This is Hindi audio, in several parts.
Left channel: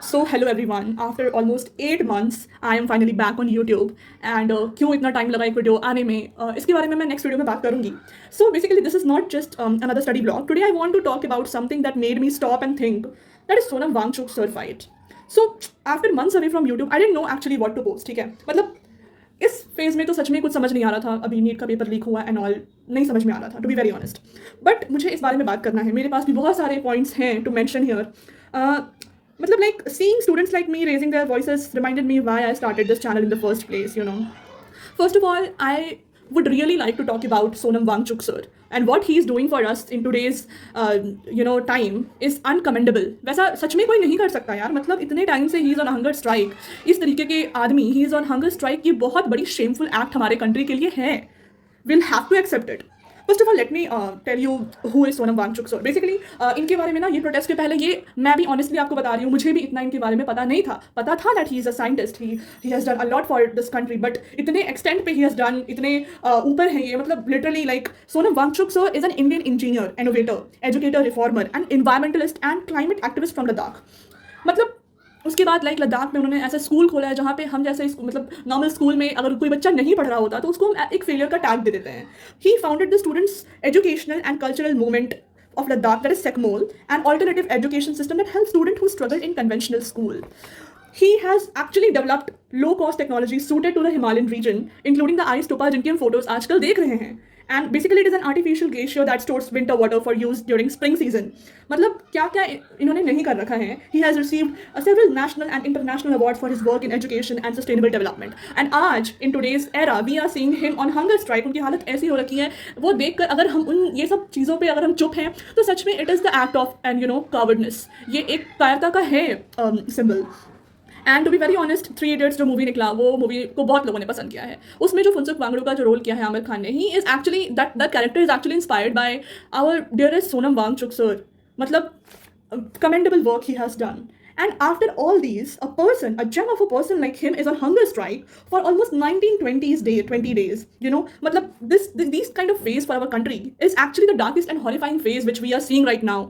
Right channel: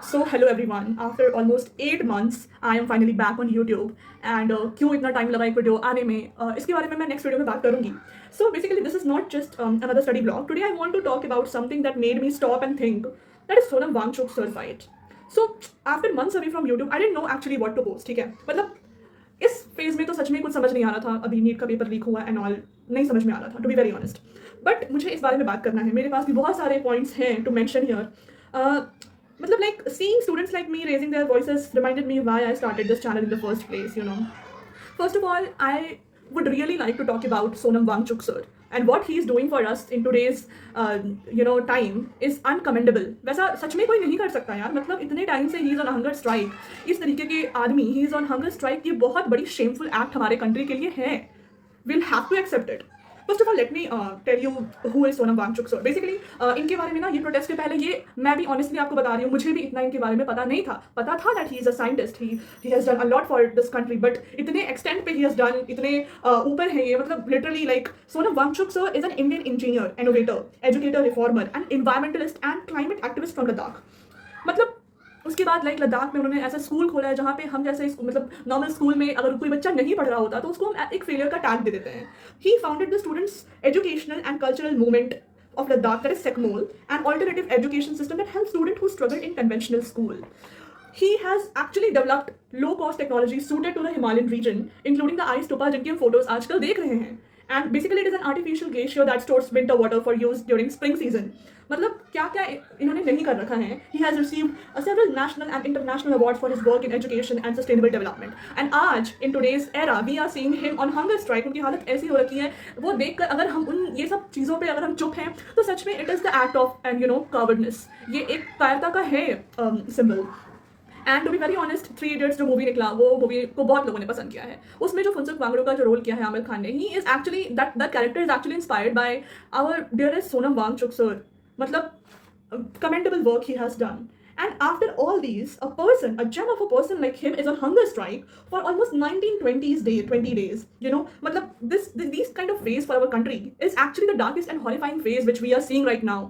So hello everyone. After almost 8 months, I am finally back on YouTube. And क्यों इतना टाइम लगा एक वीडियो आने में इसके बारे में मैं नेक्स्ट वीडियो में बात करूंगी. So basically, this is not just another study blog. Today I want to talk about something that made me stop and think. That is Sonam Wangchuk sir fight. So after months away from YouTube, I didn't know actually what to post. ठीक है, मतलब इस फेज में तो सच में कुछ समझ नहीं आ रहा था. अभी नीट का पेपर लीक हुआ एंड ऑल नहीं समझ में आ रहा था, to be very honest. But मुझे इस बारे में बात करना है. मेरे पास भी बहुत सारे पॉइंट्स हैं टू मेंशन हियर. मतलब like seeing students like me raising their voices reminded me why I started this channel in the first place. First of all, I would really like to talk about Sonam Wangchuk sir, and what he is doing for us in today's time is uncommendable. वैसा सच में कोई नहीं कर सकता यार. मतलब इतने टाइम से he is on hunger strike. इस तरीके के आदमी he is on hunger strike. ये बहुत बड़ी शेमफुल एक्ट हमारे कंट्री के लिए है. Will have to accept it. First of all let me tell you who is Sonam Wangchuk sir. Basically इनके बारे में ना, ये प्रोटेस्ट के पहले ये मैं भी ऑनेस्टली आपको बता रही हूँ, मुझे भी इतना इनके बारे में पता नहीं था. पता था that he is a scientist, he has done a lot for this country, but इतने एक्सटेंट पे ही हैज़ डन, इतने ऊपर है ये. मतलब literally like Sonam Wangchuk sir is an Indian engineer, innovator, educator, reformer and environmentalist and climate activist from Ladakh. मतलब उसके बाद लाइक लद्दाख में उन्होंने ऐसा स्कूल खोला है जहाँ पे हम जैसे मतलब नॉर्मल स्कूल में अगर कोई बच्चा नहीं पढ़ रहा होता तो उसको हम एक फेलियर का टैग दे देते हैं. He founded the students educational and cultural movement of Ladakh, that is SECMOL, an alternative education system that helps students who struggle in conventional school. He has actually developed low-cost technology suited to the Himalayan region, including the ice stupa जिनकी हम photos आजकल देख रहे हैं. And basically it is an artificial glacier that stores winter water for use during spring season. मतलब क्या क्या इन्होंने नहीं कर रखा है. He has received several national and international awards for his work in education and sustainable development. And आज in today's era we are seeing him on hunger strike. उनकी हालत ऐसी हो रखी है, वो देखकर अगर हम उन ये सब चीज़ों पे अगर हम चुप हैं तो सच में it is the act of and cowardness. ये एक कायरता का है symbol. And to be very honest, 3 Idiots जो मूवी निकला, वो मूवी को बहुत लोगों ने पसंद किया है. उसमें जो फुनसुक वांगडू का जो रोल किया है आमिर खान ने, he is actually that character is actually inspired by our dearest Sonam Wangchuk sir. मतलब commendable work he has done. And after all these, a gem of a person like him is on hunger strike for almost 20 days. मतलब these kind of phase for our country is actually the darkest and horrifying phase which we are seeing right now.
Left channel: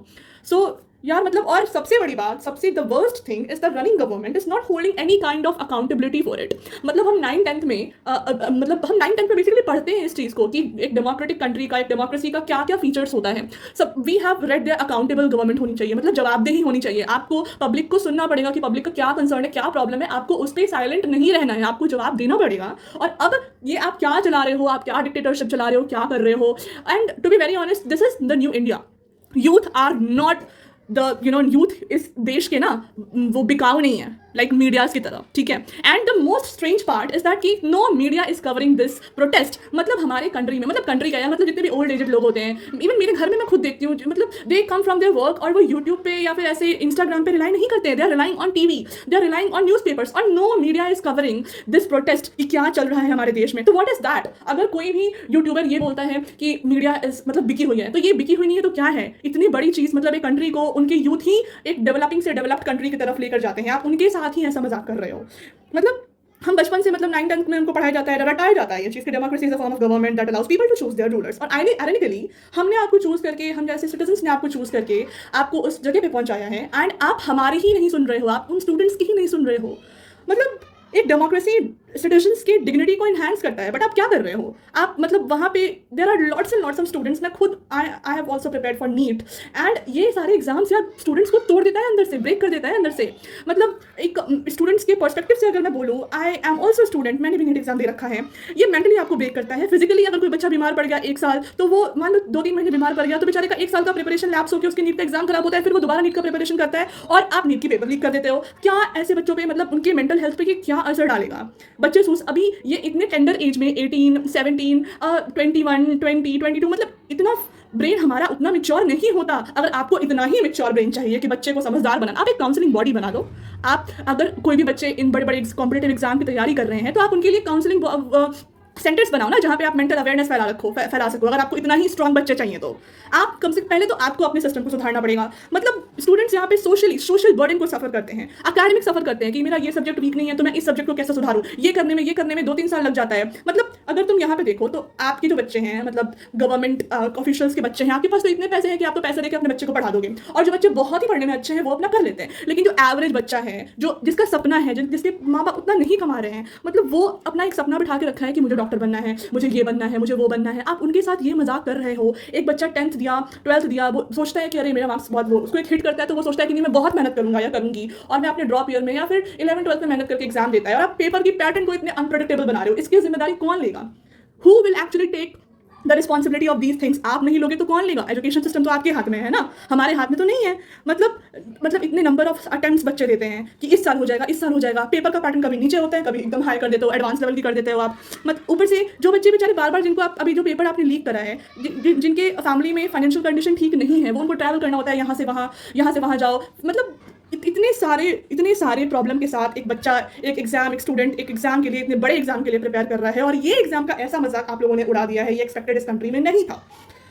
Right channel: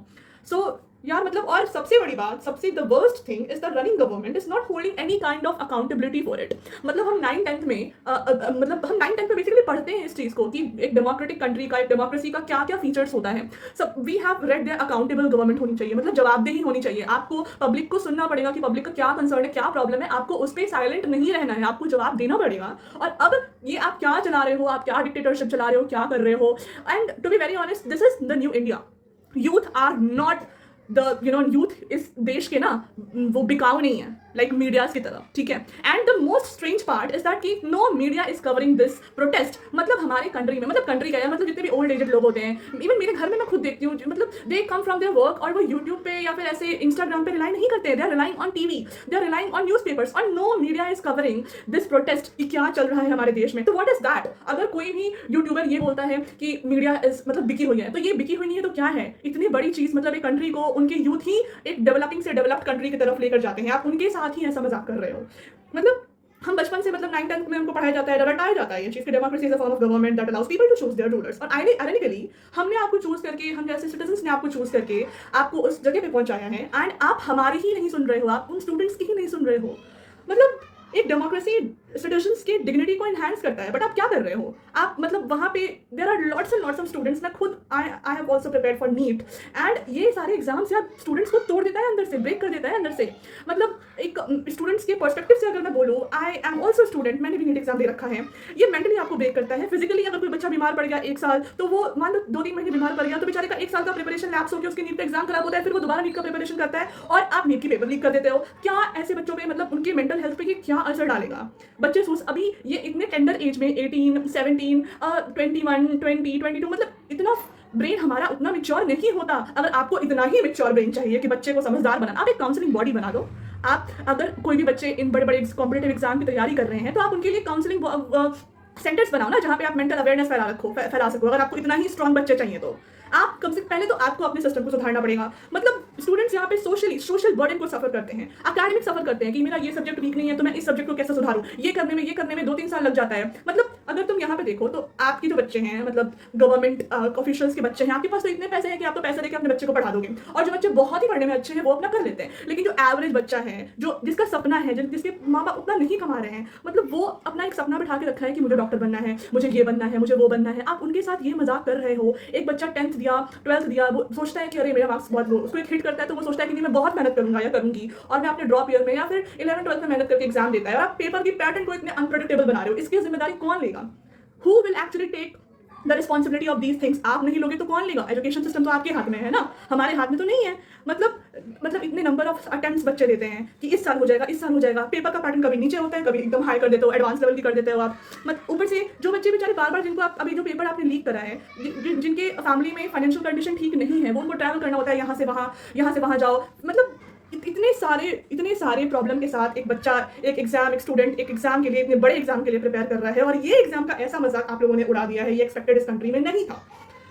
So यार मतलब, और सबसे बड़ी बात, सबसे the worst thing is the running government is not holding any kind of accountability for it. मतलब हम 9th-10th में मतलब हम 9th-10th में बेसिकली पढ़ते हैं इस चीज़ को कि एक डेमोक्रेटिक कंट्री का, एक डेमोक्रेसी का क्या क्या फीचर्स होता है. सब we have read there. Accountable government होनी चाहिए, मतलब जवाबदेही होनी चाहिए. आपको पब्लिक को सुनना पड़ेगा कि पब्लिक का क्या कंसर्न है, क्या प्रॉब्लम है. आपको उस पर साइलेंट नहीं रहना है, आपको जवाब देना पड़ेगा. और अब ये आप क्या चला रहे हो, आप क्या डिक्टेटरशिप चला रहे हो, क्या कर रहे हो. And to be very honest, this is the new India. Youth are not youth इस देश के ना, वो बिकाऊ नहीं है लाइक मीडियाज की तरह, ठीक है. And the most strange part is that कि no media is covering this protest. मतलब हमारे कंट्री में, मतलब कंट्री का है, मतलब जितने भी ओल्ड एजेड लोग होते हैं, इवन मेरे घर में मैं खुद देखती हूँ, मतलब दे कम फ्रॉम देयर वर्क और वो यूट्यूब पे या फिर ऐसे इंस्टाग्राम पे रिलाई नहीं करते. They are relying on TV, they are relying on newspapers, और no media is covering this protest कि क्या चल रहा है हमारे देश में. तो व्हाट इज दैट? अगर कोई भी यूट्यूबर ये बोलता है कि मीडिया इज मतलब बिकी हुई है, तो ये बिकी हुई नहीं है तो क्या है? इतनी बड़ी चीज़, मतलब एक कंट्री को उनके यूथ ही एक डेवलपिंग से डेवलप्ड कंट्री की तरफ लेकर जाते हैं. आप उनके साथ ही ऐसा मजाक कर रहे हो. मतलब हम बचपन से, मतलब 9th-10th में हमको पढ़ाया जाता है, रटाया जाता है ये चीज़ कि democracy is a form of government that allows people to choose their rulers. और आयरनिकली हमने आपको चूज करके, हम जैसे सिटीजन्स ने आपको चूज करके आपको उस जगह पे पहुंचाया है, एंड आप हमारी ही नहीं सुन रहे हो, आप उन स्टूडेंट्स की ही नहीं सुन रहे हो. मतलब एक डेमोक्रेसी सिटीजन्स के डिग्निटी को इन्हांस करता है, बट आप क्या कर रहे हो? आप मतलब वहाँ पे there are lots and lots of students. मैं खुद I have also prepared for NEET, and ये सारे एग्जाम्स यार स्टूडेंट्स को तोड़ देता है अंदर से, ब्रेक कर देता है अंदर से. मतलब एक स्टूडेंट्स के पर्सपेक्टिव से अगर मैं बोलूँ, आई एम ऑल्सो स्टूडेंट, मैंने भी नीट एग्जाम दे रखा है. ये मेंटली आपको ब्रेक करता है. फिजिकली अगर कोई बच्चा बीमार पड़ गया 1 साल, तो वो मान लो 2-3 महीने बीमार पड़ गया, तो बेचारे का 1 साल का प्रिपरेशन लैप्स होकर उसके नीट का एग्जाम खराब होता है, फिर वो दोबारा नीट का प्रिपरेशन करता है और आप नीट की पेपर लीक कर देते हो. क्या ऐसे बच्चों पे, मतलब उनके मेंटल हेल्थ पे ये क्या असर डालेगा? बच्चे अभी ये इतने टेंडर एज में 18, 17, 21, 20, 22, मतलब इतना ब्रेन हमारा उतना मिच्योर नहीं होता. अगर आपको इतना ही मिच्योर ब्रेन चाहिए कि बच्चे को समझदार बनाना, आप एक काउंसलिंग बॉडी बना दो. आप अगर कोई भी बच्चे इन बड़े बड़े कॉम्पिटिटिव एग्जाम की तैयारी कर रहे हैं, तो आप उनके लिए काउंसलिंग सेंटर्स बनाओ ना जहाँ पे आप मेंटल अवेयरनेस फैला सको। अगर आपको इतना ही स्ट्रांग बच्चे चाहिए तो आप कम से पहले तो आपको अपने सिस्टम को सुधारना पड़ेगा। मतलब स्टूडेंट्स यहाँ पे सोशल बर्डन को सफर करते हैं, अकेडमिक सफर करते हैं कि मेरा ये सब्जेक्ट वीक नहीं है तो मैं इस सब्जेक्ट को कैसे सुधारूं, ये करने में 2-3 साल लग जाता है। मतलब अगर तुम यहाँ पे देखो तो आपके जो बच्चे हैं, मतलब गवर्नमेंट ऑफिशियल्स के बच्चे हैं, आपके पास तो इतने पैसे हैं कि आप तो पैसे देकर अपने बच्चे को पढ़ा दोगे। और जो बच्चे बहुत ही पढ़ने में अच्छे हैं वो अपना कर लेते हैं, लेकिन जो एवरेज बच्चा है, जो जिसका सपना है, जिसके माँ बाप उतना नहीं कमा रहे हैं, मतलब वो अपना एक सपना बिठा के रखा है कि मुझे डॉक्टर बनना है, मुझे ये बनना है, मुझे वो बनना है, आप उनके साथ ये मजाक कर रहे हो। एक बच्चा 10th दिया, 12th दिया, वो सोचता है कि अरे मेरा मार्क्स बहुत, वो उसको एक हिट करता है तो वो सोचता है कि नहीं मैं बहुत मेहनत करूंगा या करूंगी, और मैं अपने ड्रॉप ईयर में या फिर 11th-12th में मेहनत करके एग्जाम देता है, और आप पेपर की पैटर्न को इतने अनप्रेडिक्टेबल बना रहे हो। इसकी जिम्मेदारी कौन लेगा? Who will actually take the responsibility of these things? आप नहीं लोगे तो कौन लेगा? एजुकेशन सिस्टम तो आपके हाथ में है ना, हमारे हाथ में तो नहीं है। मतलब इतने नंबर ऑफ अटेम्प्ट्स बच्चे देते हैं कि इस साल हो जाएगा, इस साल हो जाएगा। पेपर का पैटर्न कभी नीचे होता है, कभी एकदम हाई कर देते हो, एडवांस लेवल की कर देते हो आप। मतलब ऊपर से जो बच्चे बेचारे बार बार, जिनको आप अभी जो पेपर आपने लीक करा है, जिनके फैमिली में फाइनेंशियल कंडीशन ठीक नहीं है, वो उनको ट्रैवल करना होता है यहाँ से वहाँ जाओ। मतलब इतने सारे प्रॉब्लम के साथ एक बच्चा एक स्टूडेंट एक एग्जाम के लिए, इतने बड़े एग्जाम के लिए प्रिपेयर कर रहा है, और ये एग्जाम का ऐसा मजाक आप लोगों ने उड़ा दिया है, ये एक्सपेक्टेड इस कंट्री में नहीं था।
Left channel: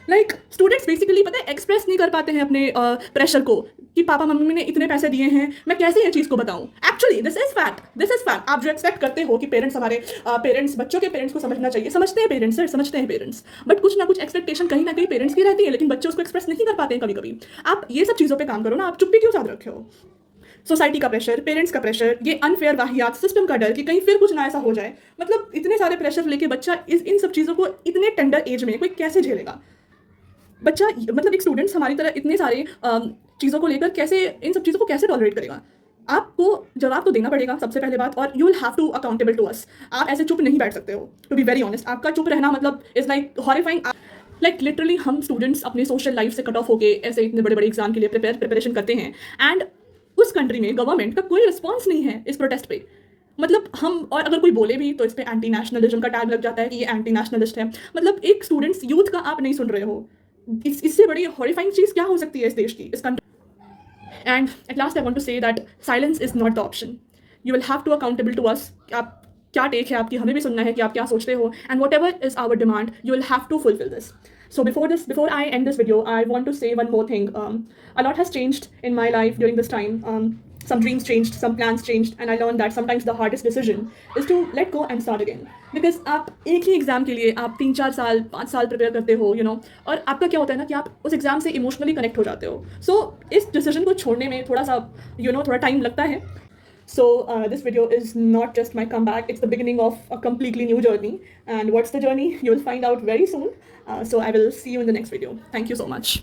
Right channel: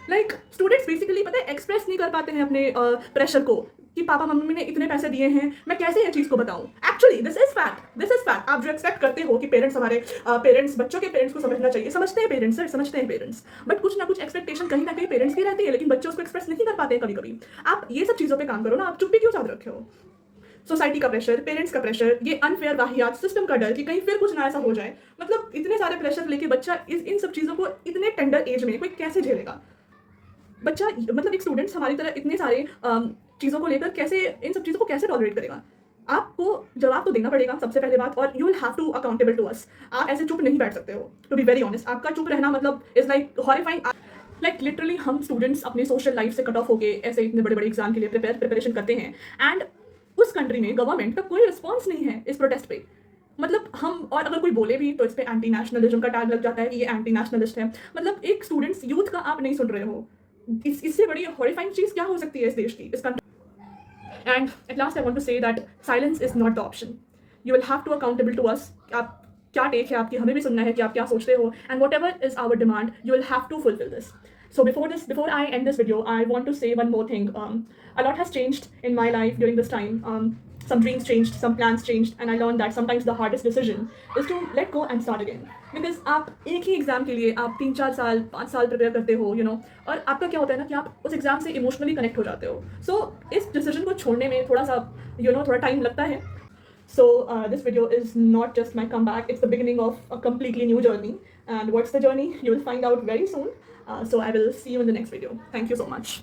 लाइक स्टूडेंट्स बेसिकली पता है एक्सप्रेस नहीं कर पाते हैं अपने प्रेशर को कि पापा मम्मी ने इतने पैसे दिए हैं, मैं कैसे ये चीज़ को बताऊं। Actually this is fact. आप जो एक्सपेक्ट करते हो कि पेरेंट्स बच्चों के पेरेंट्स को समझना चाहिए, समझते हैं पेरेंट्स, सर समझते हैं पेरेंट्स, बट कुछ ना कुछ एक्सपेक्टेशन कहीं ना कहीं पेरेंट्स की रहती है, लेकिन बच्चे उसको एक्सप्रेस नहीं कर पाते हैं कभी कभी। आप ये सब चीज़ों पर काम करो ना, आप चुप्पी क्यों साध रखे हो? सोसाइटी का प्रेशर, पेरेंट्स का प्रेशर, ये अनफेयर वाहियात, सिस्टम का डर कि कहीं फिर कुछ ना ऐसा हो जाए। मतलब इतने सारे प्रेशर लेके बच्चा इन सब चीज़ों को इतने टेंडर एज में कोई कैसे झेलेगा? बच्चा मतलब एक स्टूडेंट्स हमारी तरह इतने सारे चीज़ों को लेकर कैसे, इन सब चीज़ों को कैसे टॉलरेट करेगा? आपको जवाब तो देना पड़ेगा सबसे पहले बात, और you will have to accountable to us. आप ऐसे चुप नहीं बैठ सकते हो, टू बी वेरी ऑनेस्ट। आपका चुप रहना मतलब is like horrifying. Like literally हम स्टूडेंट्स अपने सोशल लाइफ से कट ऑफ होके ऐसे इतने बड़े बड़े एग्जाम के लिए प्रिपरेशन करते हैं, एंड उस कंट्री में गवर्नमेंट का कोई रिस्पॉन्स नहीं है इस प्रोटेस्ट पे। मतलब हम, और अगर कोई बोले भी तो इस पर एंटी नेशनलिज्म का टैग लग जाता है कि ये एंटी नेशनलिस्ट है। मतलब एक स्टूडेंट्स यूथ का आप नहीं सुन रहे हो, इससे बड़ी हॉरिफाइंग चीज़ क्या हो सकती है इस देश की, इस country. And at last I want to say that silence is not the option. You will have to accountable to us. आप क्या टेक है आपकी, हमें भी सुनना है कि आप क्या सोचते हो, and whatever is our demand you will have to fulfil this. So before I end this video, I want to say one more thing. A lot has changed in my life during this time. Some dreams changed, some plans changed, and I learned that sometimes the hardest decision is to let go and start again. Because आप एक ही एग्जाम के लिए आप 3-4 साल 5 साल प्रिपेयर करते हो, और आपका क्या होता है ना कि आप उस एग्जाम से इमोशनली कनेक्ट हो जाते हो। सो इस डिसीजन को छोड़ने में थोड़ा सा थोड़ा टाइम लगता है। So this video is not just my comeback, it's the beginning of a completely new journey. And what's the journey? You will find out very soon. So I will see you in the next video. Thank you so much.